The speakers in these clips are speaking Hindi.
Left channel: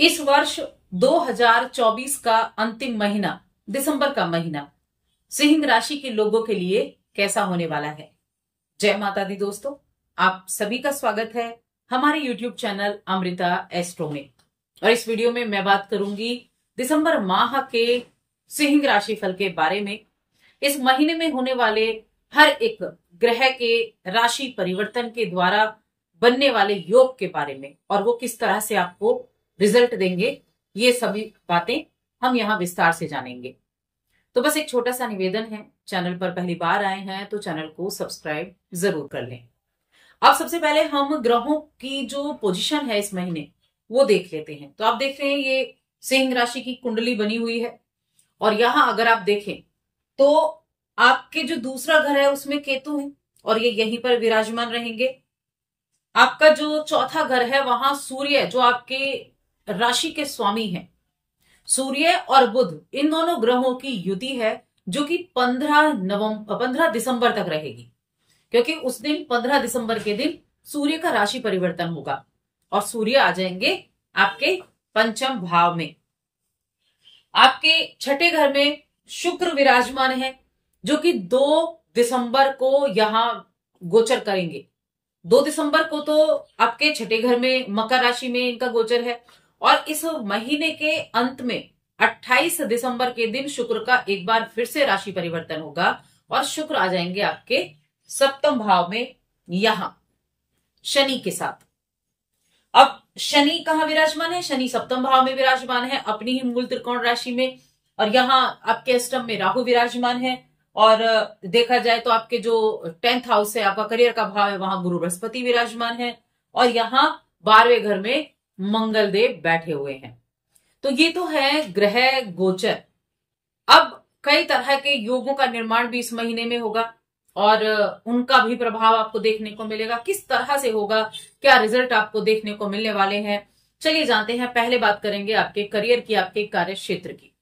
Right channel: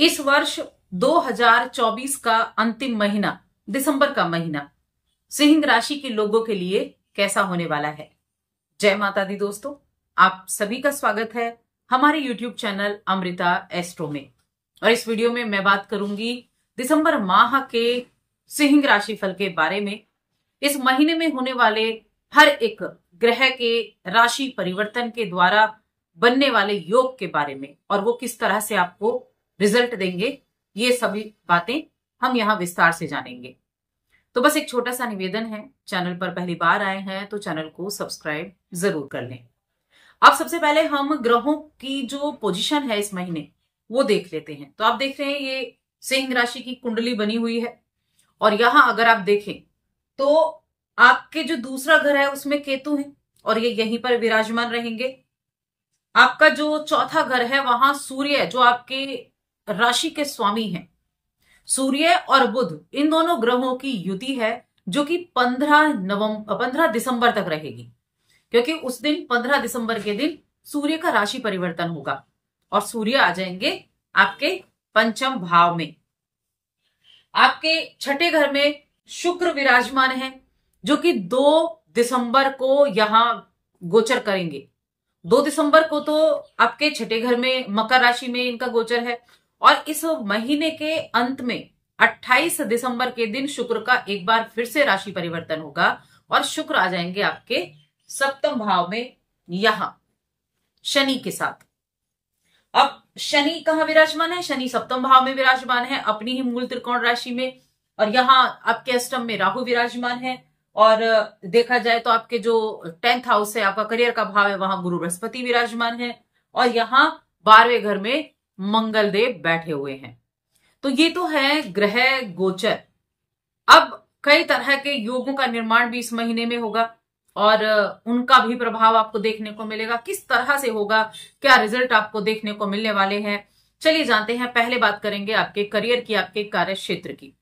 इस वर्ष 2024 का अंतिम महीना, दिसंबर का महीना सिंह राशि के लोगों के लिए कैसा होने वाला है। जय माता दी दोस्तों, आप सभी का स्वागत है हमारे YouTube चैनल अमृता एस्ट्रो में। और इस वीडियो में मैं बात करूंगी दिसंबर माह के सिंह राशि फल के बारे में। इस महीने में होने वाले हर एक ग्रह के राशि परिवर्तन के द्वारा बनने वाले योग के बारे में और वो किस तरह से आपको रिजल्ट देंगे, ये सभी बातें हम यहाँ विस्तार से जानेंगे। तो बस एक छोटा सा निवेदन है, चैनल पर पहली बार आए हैं तो चैनल को सब्सक्राइब जरूर कर लें। अब सबसे पहले हम ग्रहों की जो पोजीशन है इस महीने वो देख लेते हैं। तो आप देख रहे हैं ये सिंह राशि की कुंडली बनी हुई है और यहां अगर आप देखें तो आपके जो दूसरा घर है उसमें केतु है और ये यहीं पर विराजमान रहेंगे। आपका जो चौथा घर है वहां सूर्य, जो आपके राशि के स्वामी हैं, सूर्य और बुध, इन दोनों ग्रहों की युति है जो कि 15 दिसंबर तक रहेगी, क्योंकि उस दिन 15 दिसंबर के दिन सूर्य का राशि परिवर्तन होगा और सूर्य आ जाएंगे आपके पंचम भाव में। आपके छठे घर में शुक्र विराजमान है जो कि 2 दिसंबर को यहां गोचर करेंगे। 2 दिसंबर को तो आपके छठे घर में मकर राशि में इनका गोचर है और इस महीने के अंत में 28 दिसंबर के दिन शुक्र का एक बार फिर से राशि परिवर्तन होगा और शुक्र आ जाएंगे आपके सप्तम भाव में यहां शनि के साथ। अब शनि कहां विराजमान है? शनि सप्तम भाव में विराजमान है अपनी ही मूल त्रिकोण राशि में, और यहां आपके अष्टम में राहु विराजमान है। और देखा जाए तो आपके जो 10th हाउस है, आपका करियर का भाव है, वहां गुरु बृहस्पति विराजमान है और यहां 12वें घर में मंगल देव बैठे हुए हैं। तो ये तो है ग्रह गोचर। अब कई तरह के योगों का निर्माण भी इस महीने में होगा और उनका भी प्रभाव आपको देखने को मिलेगा। किस तरह से होगा, क्या रिजल्ट आपको देखने को मिलने वाले हैं, चलिए जानते हैं। पहले बात करेंगे आपके करियर की, आपके कार्य क्षेत्र की।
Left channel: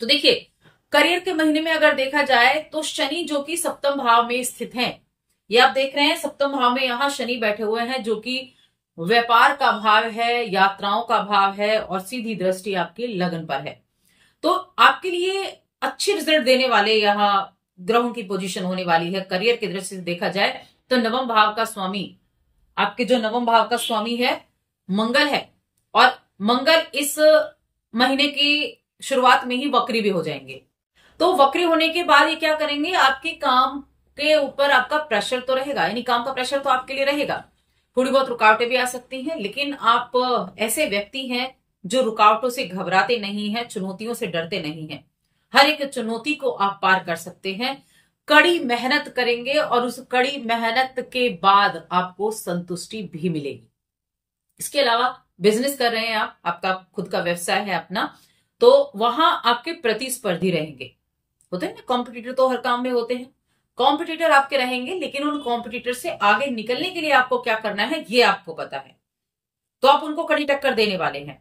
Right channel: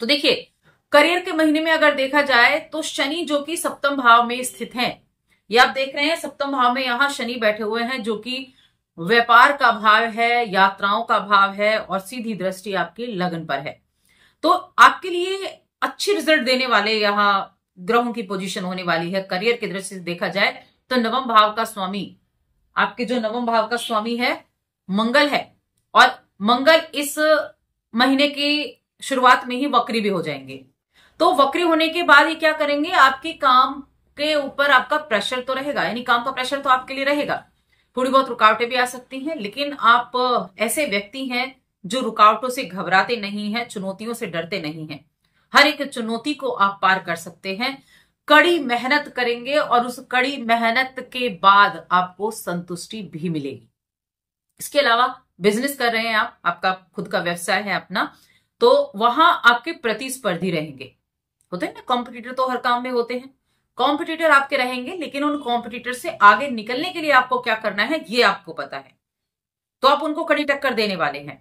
तो देखिए, करियर के महीने में अगर देखा जाए तो शनि जो कि सप्तम भाव में स्थित हैं, ये आप देख रहे हैं सप्तम भाव में यहां शनि बैठे हुए हैं जो कि व्यापार का भाव है, यात्राओं का भाव है और सीधी दृष्टि आपकी लगन पर है। तो आपके लिए अच्छी रिजल्ट देने वाले यहां ग्रहों की पोजीशन होने वाली है। करियर की दृष्टि से देखा जाए तो नवम भाव का स्वामी, आपके जो नवम भाव का स्वामी है मंगल है और मंगल इस महीने की शुरुआत में ही वक्री भी हो जाएंगे। तो वक्री होने के बाद ये क्या करेंगे, आपके काम के ऊपर आपका प्रेशर तो रहेगा, यानी काम का प्रेशर तो आपके लिए रहेगा। थोड़ी बहुत रुकावटें भी आ सकती हैं, लेकिन आप ऐसे व्यक्ति हैं जो रुकावटों से घबराते नहीं हैं, चुनौतियों से डरते नहीं हैं। हर एक चुनौती को आप पार कर सकते हैं। कड़ी मेहनत करेंगे और उस कड़ी मेहनत के बाद आपको संतुष्टि भी मिलेगी। इसके अलावा बिजनेस कर रहे हैं आप, आपका खुद का व्यवसाय है अपना, तो वहां आपके प्रतिस्पर्धी रहेंगे। होते हैं ना, कॉम्पिटिटर तो हर काम में होते हैं। कॉम्पिटिटर आपके रहेंगे, लेकिन उन कॉम्पिटिटर से आगे निकलने के लिए आपको क्या करना है ये आपको पता है, तो आप उनको कड़ी टक्कर देने वाले हैं।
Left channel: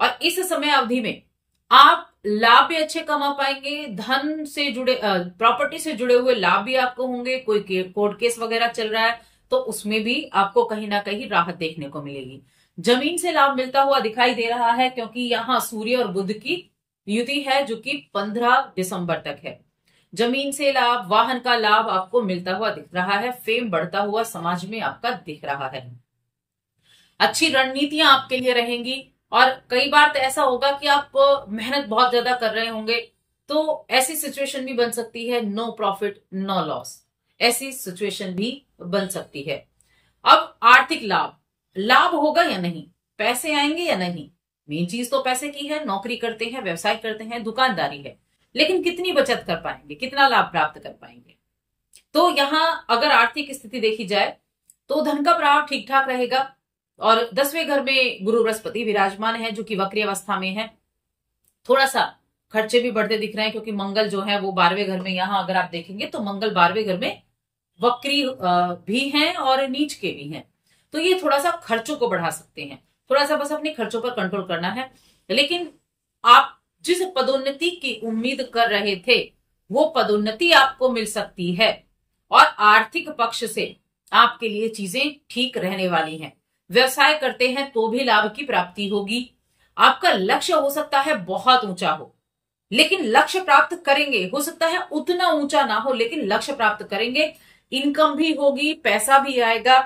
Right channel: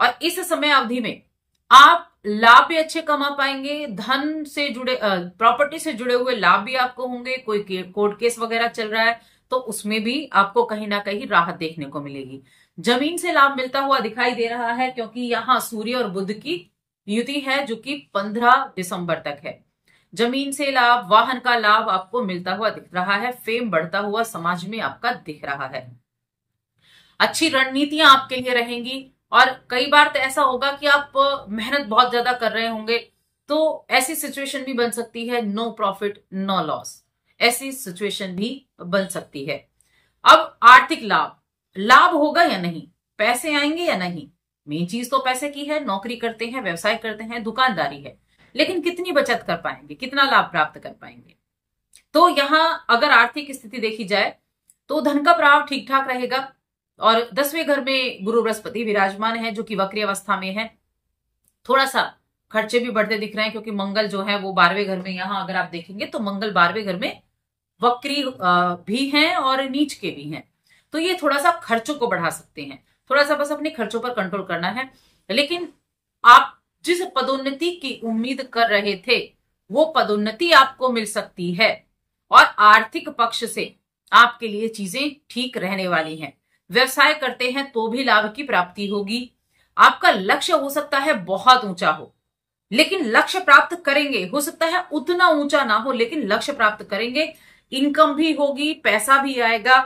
और इस समय अवधि में आप लाभ भी अच्छे कमा पाएंगे। धन से जुड़े, प्रॉपर्टी से जुड़े हुए लाभ भी आपको होंगे। कोई कोर्ट केस वगैरह चल रहा है तो उसमें भी आपको कहीं ना कहीं राहत देखने को मिलेगी। जमीन से लाभ मिलता हुआ दिखाई दे रहा है, क्योंकि यहां सूर्य और बुध की युति है जो कि 15 दिसंबर तक है। जमीन से लाभ, वाहन का लाभ आपको मिलता हुआ दिख रहा है। फेम बढ़ता हुआ समाज में आपका दिख रहा है। अच्छी रणनीतियां आपके लिए रहेंगी और कई बार तो ऐसा होगा कि आप मेहनत बहुत ज्यादा कर रहे होंगे, तो ऐसी सिचुएशन भी बन सकती है, नो प्रॉफिट नो लॉस, ऐसी सिचुएशन भी बन सकती है। अब आर्थिक लाभ, लाभ होगा या नहीं, पैसे आएंगे या नहीं, मेन चीज तो पैसे की है। नौकरी करते हैं, व्यवसाय करते हैं, दुकानदारी है, लेकिन कितनी बचत कर पाएंगे, कितना लाभ प्राप्त कर पाएंगे। तो यहां अगर आर्थिक स्थिति देखी जाए तो धन का प्रभाव ठीक ठाक रहेगा और 10वें घर में गुरु बृहस्पति विराजमान है जो कि वक्री अवस्था में है। थोड़ा सा खर्चे भी बढ़ते दिख रहे हैं, क्योंकि मंगल जो है वो 12वें घर में, यहां अगर आप देखेंगे तो मंगल 12वें घर में वक्री भी हैं और नीच के भी हैं, तो ये थोड़ा सा खर्चों को बढ़ा सकते हैं। थोड़ा सा बस अपने खर्चों पर कंट्रोल करना है। लेकिन आप जिस पदोन्नति की उम्मीद कर रहे थे वो पदोन्नति आपको मिल सकती है और आर्थिक पक्ष से आपके लिए चीजें ठीक रहने वाली हैं। व्यवसाय करते हैं तो भी लाभ की प्राप्ति होगी। आपका लक्ष्य हो सकता है बहुत ऊंचा हो, लेकिन लक्ष्य प्राप्त करेंगे। हो सकता है उतना ऊंचा ना हो, लेकिन लक्ष्य प्राप्त करेंगे। इनकम भी होगी, पैसा भी आएगा,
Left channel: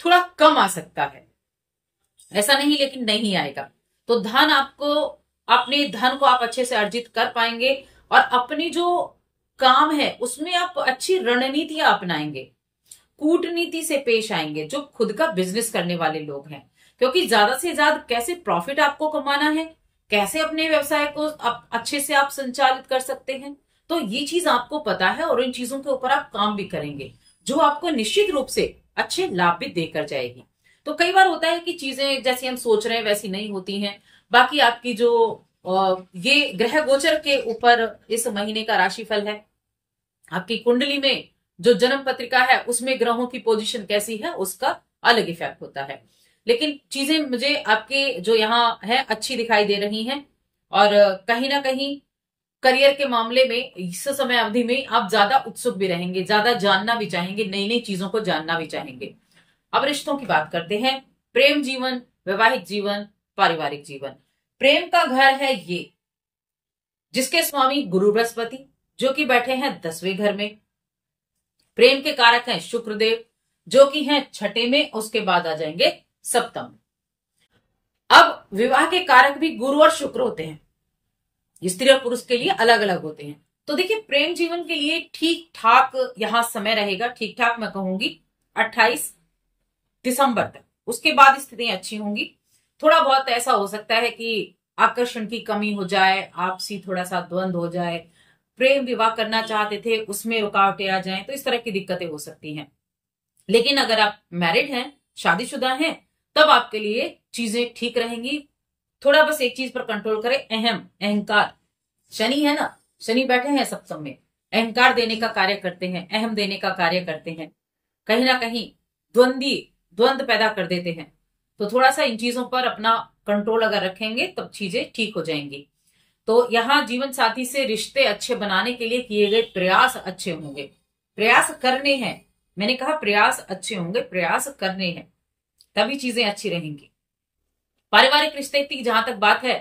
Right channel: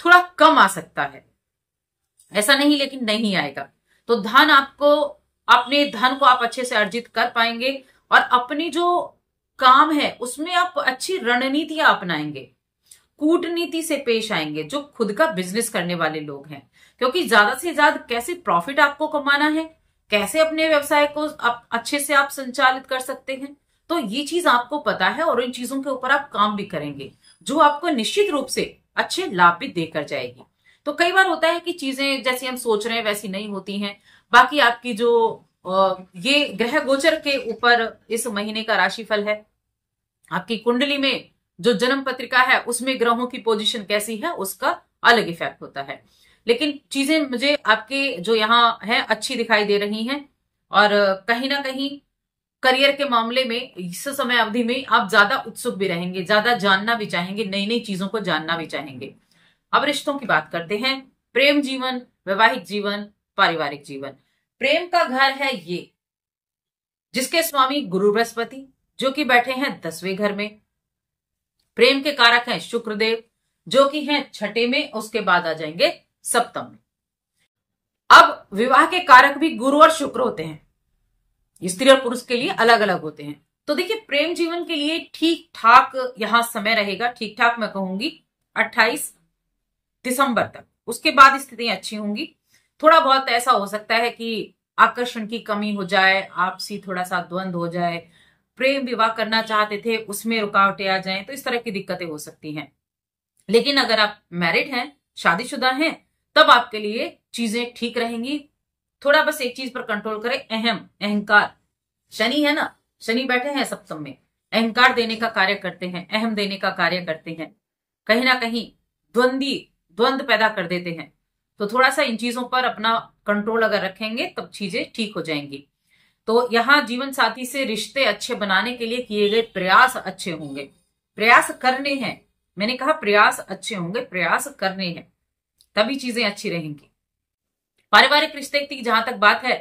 थोड़ा कम आ सकता है, ऐसा नहीं लेकिन नहीं आएगा। तो धन आपको, अपने धन को आप अच्छे से अर्जित कर पाएंगे और अपनी जो काम है उसमें आप अच्छी रणनीतियां अपनाएंगे, कूटनीति से पेश आएंगे, जो खुद का बिजनेस करने वाले लोग हैं। क्योंकि ज्यादा से ज्यादा कैसे प्रॉफिट आपको कमाना है, कैसे अपने व्यवसाय को अच्छे से आप संचालित कर सकते हैं, तो ये चीज आपको पता है और इन चीजों के ऊपर आप काम भी करेंगे, जो आपको निश्चित रूप से अच्छे लाभ भी देकर जाएगी। तो कई बार होता है कि चीजें जैसी हम सोच रहे हैं वैसी नहीं होती हैं। बाकी आपकी जो ये ग्रह गोचर के ऊपर इस महीने का राशिफल है, आपकी कुंडली में जो जन्म पत्रिका है उसमें ग्रहों की पोजीशन कैसी है उसका अलग इफेक्ट होता है। लेकिन चीजें मुझे आपके जो यहाँ है अच्छी दिखाई दे रही हैं और कहीं ना कहीं करियर के मामले में इस समय अवधि में आप ज्यादा उत्सुक भी रहेंगे, ज्यादा जानना भी चाहेंगे, नई नई चीजों को जानना भी चाहेंगे। अब रिश्तों की बात करते हैं। प्रेम जीवन, वैवाहिक जीवन, पारिवारिक जीवन। प्रेम का घर है ये, जिसके स्वामी गुरु बृहस्पति जो कि बैठे हैं 10वें घर में। प्रेम के कारक हैं शुक्रदेव जो कि हैं 6ठे में, उसके बाद आ जाएंगे 7म में। अब विवाह के कारक भी गुरु और शुक्र होते हैं, स्त्री और पुरुष के लिए अलग अलग होते हैं। तो देखिए प्रेम जीवन के लिए ठीक ठाक यहां समय रहेगा, ठीक ठाक मैं कहूंगी 28 दिसंबर तक। उसके बाद स्थितियां अच्छी होंगी। थोड़ा बहुत ऐसा हो सकता है कि आकर्षण की कमी हो जाए, आपसी थोड़ा सा द्वंद्व हो जाए, प्रेम विवाह करना चाहते थे उसमें रुकावटें आ जाएं, तो इस तरह की दिक्कतें हो सकती हैं। लेकिन अगर आप मैरिड हैं, शादीशुदा हैं, तब आपके लिए चीजें ठीक रहेंगी। थोड़ा बस एक चीज पर कंट्रोल करें, अहंकार। शनि है ना, शनि बैठे हैं 7म में, अहंकार देने का कार्य करते हैं, अहम देने का कार्य करते हैं, कहीं ना कहीं द्वंद्व पैदा कर देते हैं। तो थोड़ा सा इन चीजों पर अपना कंट्रोल अगर रखेंगे तब चीजें ठीक हो जाएंगी। तो यहाँ जीवन साथी से रिश्ते अच्छे बनाने के लिए किए गए प्रयास अच्छे होंगे, प्रयास करने हैं। मैंने कहा प्रयास अच्छे होंगे, प्रयास करने हैं, तभी चीजें अच्छी रहेंगी। पारिवारिक रिश्ते की जहां तक बात है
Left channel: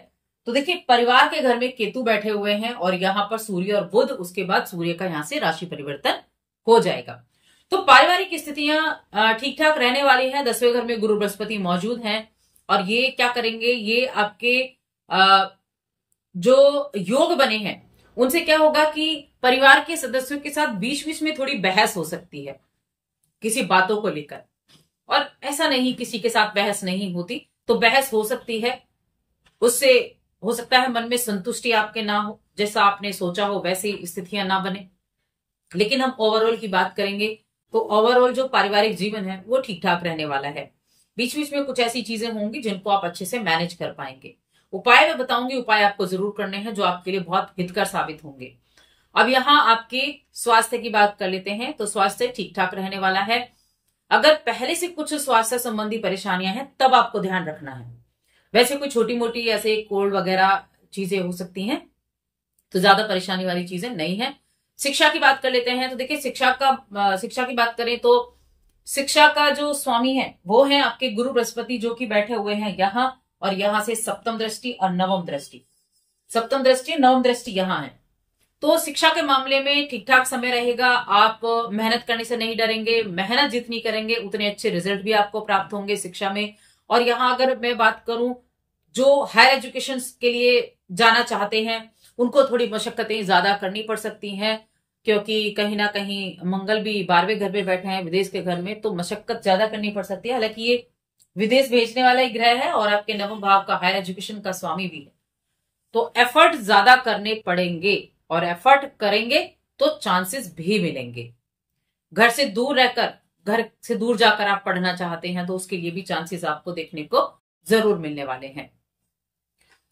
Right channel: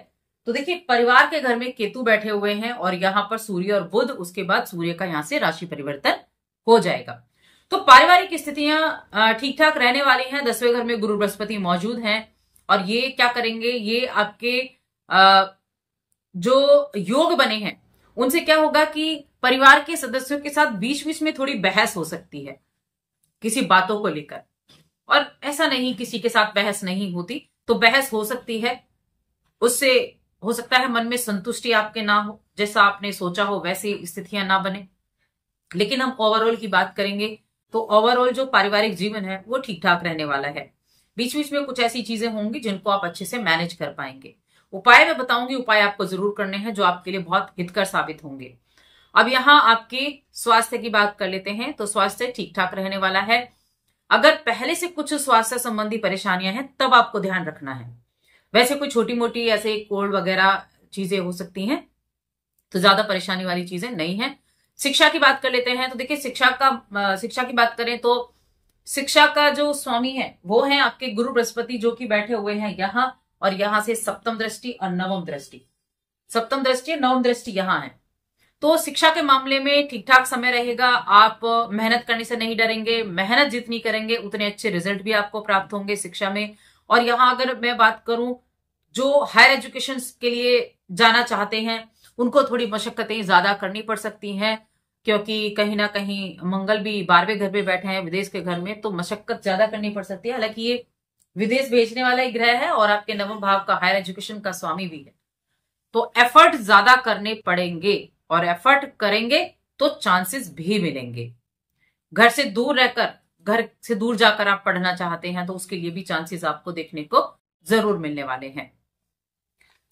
तो देखिए परिवार के घर में केतु बैठे हुए हैं और यहां पर सूर्य और बुध, उसके बाद सूर्य का यहां से राशि परिवर्तन हो जाएगा। तो पारिवारिक स्थितियां ठीक ठाक रहने वाली हैं। 10वें घर में गुरु बृहस्पति मौजूद हैं और ये क्या करेंगे, ये आपके जो योग बने हैं उनसे क्या होगा कि परिवार के सदस्यों के साथ बीच बीच में थोड़ी बहस हो सकती है किसी बातों को लेकर। और ऐसा नहीं किसी के साथ बहस नहीं होती, तो बहस हो सकती है, उससे हो सकता है मन में संतुष्टि आपके ना हो, जैसा आपने सोचा हो वैसी स्थितियां ना बने। लेकिन हम ओवरऑल की बात करेंगे तो ओवरऑल जो पारिवारिक जीवन है वो ठीक ठाक रहने वाला है। बीच बीच में कुछ ऐसी चीजें होंगी जिनको आप अच्छे से मैनेज कर पाएंगे। उपाय मैं बताऊंगी, उपाय आपको जरूर करने हैं जो आपके लिए बहुत हितकर साबित होंगे। अब यहाँ आपके स्वास्थ्य की बात कर लेते हैं। तो स्वास्थ्य ठीक ठाक रहने वाला है। अगर पहले से कुछ स्वास्थ्य संबंधी परेशानियां हैं तब आपको ध्यान रखना है। वैसे कोई छोटी मोटी ऐसे कोल्ड वगैरह चीजें हो सकती हैं, तो ज्यादा परेशानी वाली चीजें नहीं है। शिक्षा की बात कर लेते हैं। तो देखिए शिक्षा की बात करें तो शिक्षा का जो स्वामी है वो है आपके गुरु बृहस्पति जो कि बैठे हुए हैं यहाँ, और यहां से 7म दृष्टि और 9वीं दृष्टि, 7म दृष्टि 9वीं दृष्टि यहां है। तो शिक्षा के मामले में ठीक ठाक समय रहेगा। आप मेहनत करने से नहीं डरेंगे, मेहनत जितनी करेंगे उतने अच्छे रिजल्ट भी आपको प्राप्त होंगे शिक्षा में। और यहाँ अगर मैं बात करूं जो हायर एजुकेशन के लिए जाना चाहते हैं उनको थोड़ी मशक्कतें ज्यादा करनी पड़ सकती हैं, क्योंकि कहीं ना कहीं मंगल भी 12वें घर पे बैठे हैं विदेश के घर में, तो मशक्कत ज्यादा करनी पड़ सकती है। हालांकि ये विदेश भेजने वाला ही ग्रह है और आपके 9वें भाव का हायर एजुकेशन का स्वामी भी है, तो एफर्ट ज्यादा करने पड़ेंगे और एफर्ट करेंगे तो चांसेस भी मिलेंगे। घर से दूर जाकर आप पढ़ना चाहते हैं तो उसके लिए भी चांसेस आपको देखने को जरूर मिलने वाले हैं।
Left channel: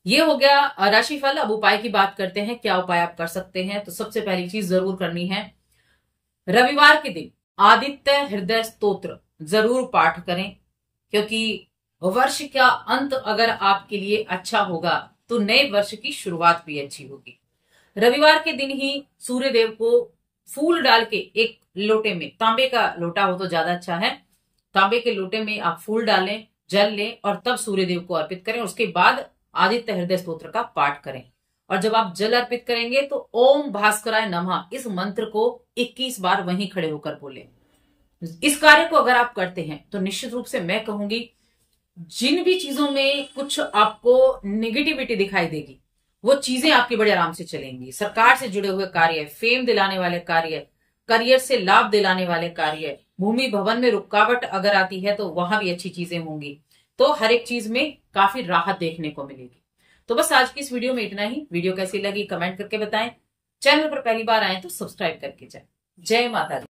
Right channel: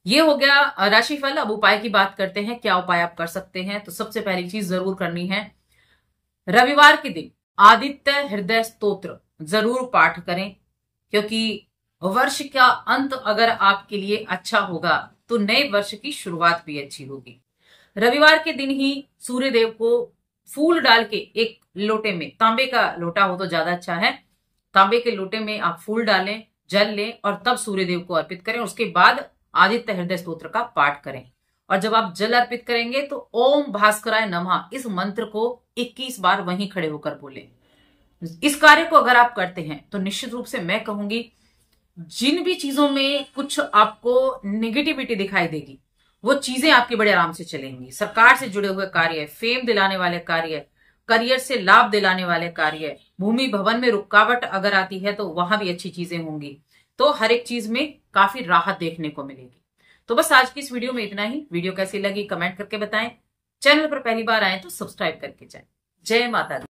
ये हो गया राशिफल। अब उपाय की बात करते हैं, क्या उपाय आप कर सकते हैं। तो सबसे पहली चीज जरूर करनी है, रविवार के दिन आदित्य हृदय स्तोत्र जरूर पाठ करें, क्योंकि वर्ष का अंत अगर आपके लिए अच्छा होगा तो नए वर्ष की शुरुआत भी अच्छी होगी। रविवार के दिन ही सूर्य देव को फूल डाल के एक लोटे में, तांबे का लोटा हो तो ज्यादा अच्छा है, तांबे के लोटे में आप फूल डालें, जल लें और तब सूर्य देव को अर्पित करें। उसके बाद आदित्य हृदय स्तोत्र का पाठ करें। और जब आप जल अर्पित करेंगे तो ओम भास्कराय नमः इस मंत्र को 21 बार वहीं खड़े होकर बोलें। इस कार्य को अगर आप करते हैं तो निश्चित रूप से मैं कहूंगी, जिन भी चीजों में कुछ आपको नेगेटिविटी दिखाई देगी वो चीजें आपकी बड़े आराम से चलेंगी। सरकार से जुड़े हुए कार्य, फेम दिलाने वाले कार्य, करियर से लाभ दिलाने वाले कार्य, भूमि भवन में रुकावट अगर आती है तो वहां भी अच्छी चीजें होंगी। तो हर एक चीज में काफी राहत देखने को मिलेगी। तो बस आज की इस वीडियो में इतना ही। वीडियो कैसी लगी कमेंट करके बताएं। चैनल पर पहली बार आए तो सब्सक्राइब करके जाएं। जय माता दी।